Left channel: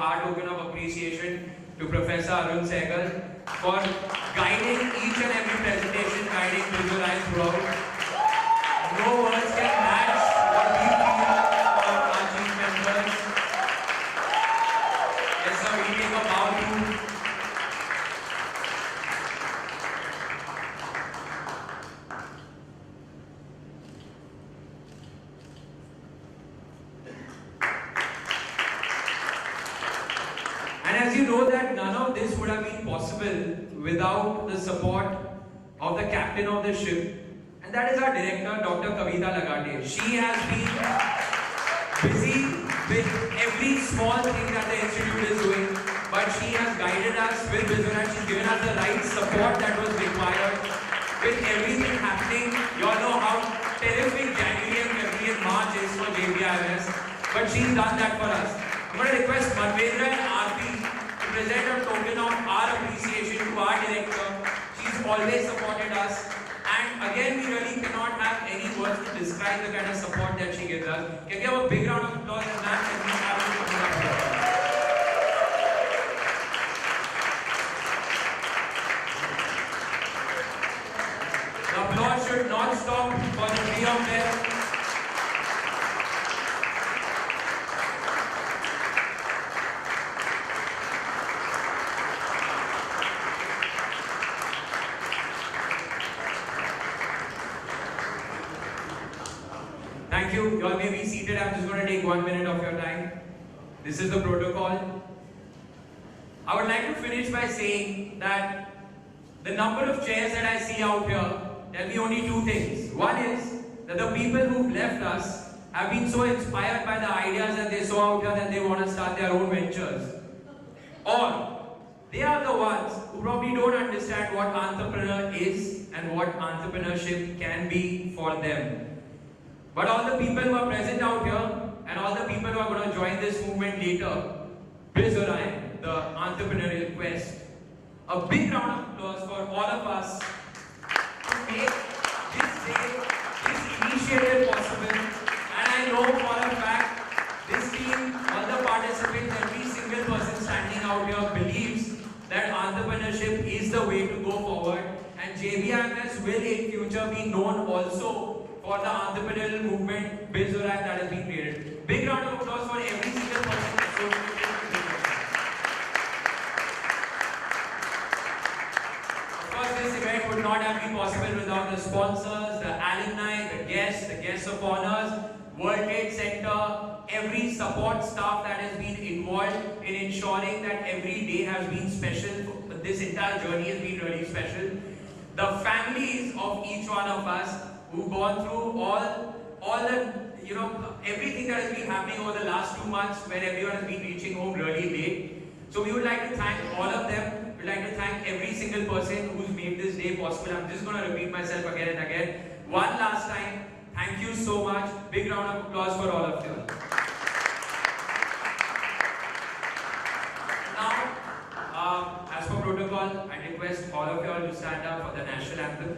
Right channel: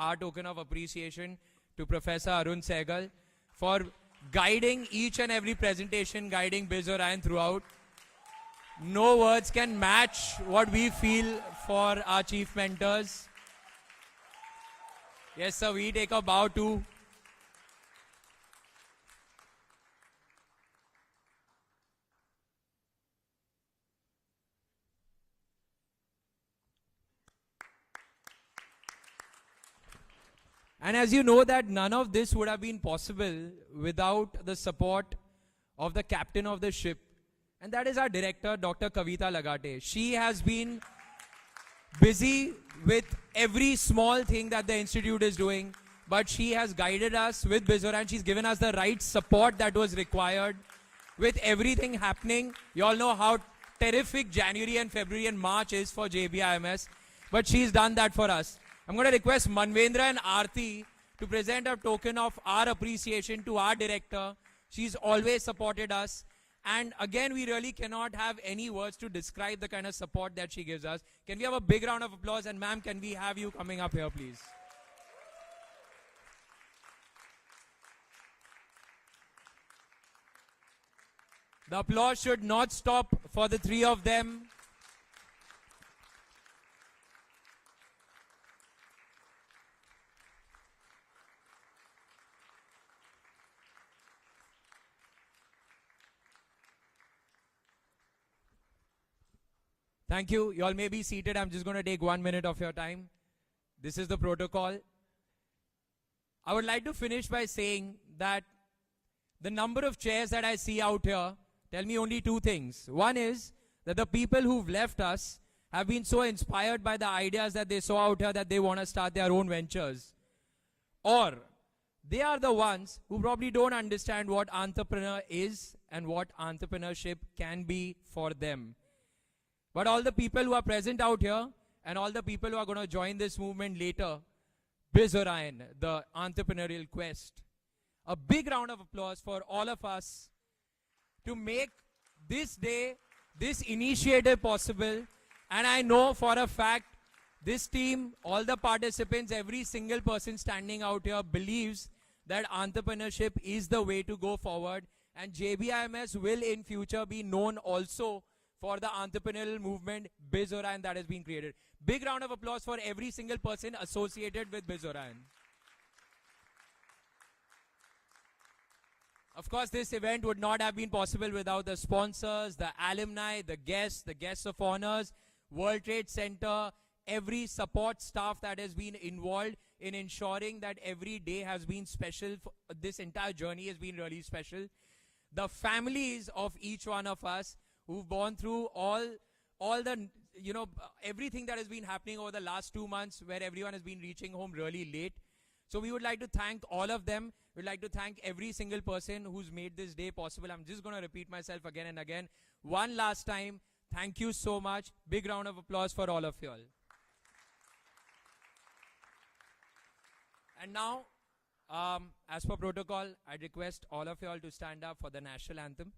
our token of appreciation to Professor Arun Sehgal for guiding each and every presentation, guiding Biz Orion throughout. No words can match what we feel for our chief mentors. Yes, sir, we take a bow to and as you know that none of this would have been possible without the support of the captain of the ship, and that is our director, Dr. Kavita Lagate. She has been busy with every small thing that the institute is doing, but she has guided us with Biz Orion. She's given us the right support that was required with everything happening. You all know how terrific January and February and March is for JBIMS, but she's done that for us. I'm going to request Manvendra and Aarti to present a token of our appreciation to our director. She's always supported us, and again we really cannot have any words to describe the kind of support that she gives us. Can we have a big round of applause, and ma'am, can we have you coming up here? The applause should not stop for the three of them. Thank you. You all may be seated. I'm just going to take 1 minute of your time. This is the protocol. I would like to finish by saying that the number of chairs that I see out here tell me only two things. One is that the people who've left us have been so inspired by the ideas that they saw out here that they want to start their own ventures. Or they are the ones who probably don't understand what entrepreneur is and what entrepreneurship can be for them. But all the people who are present out here and all the people who are going to join this movement later, Biz Orion, the entrepreneurial quest. A big round of applause for all of us to make this day, this initiative possible. And I know for a fact, this team, all the participants, every single person standing out here believes that entrepreneurship is the way to go forward. And JBIMS will in future be known also for the entrepreneurial movement Biz Orion that has been created. Big round of applause for every single person associated with Biz Orion. Of course, this event would not have been possible without the sponsors, the alumni, the guests of honors, World Trade Center, every support staff that has been involved in ensuring that every day has been special. This entire journey has been really special. The families of each one of us who've gone through all the, everything that has been happening over the last 2 months where everyone has been reaching home really late. So we would like to thank all of them. We'd like to thank every single person who's made this day possible. I'm just going to repeat myself again and again. One last time, thank you so much. Big round of applause for all of you. Now, as per protocol, I request all of you all to stand up for the national anthem.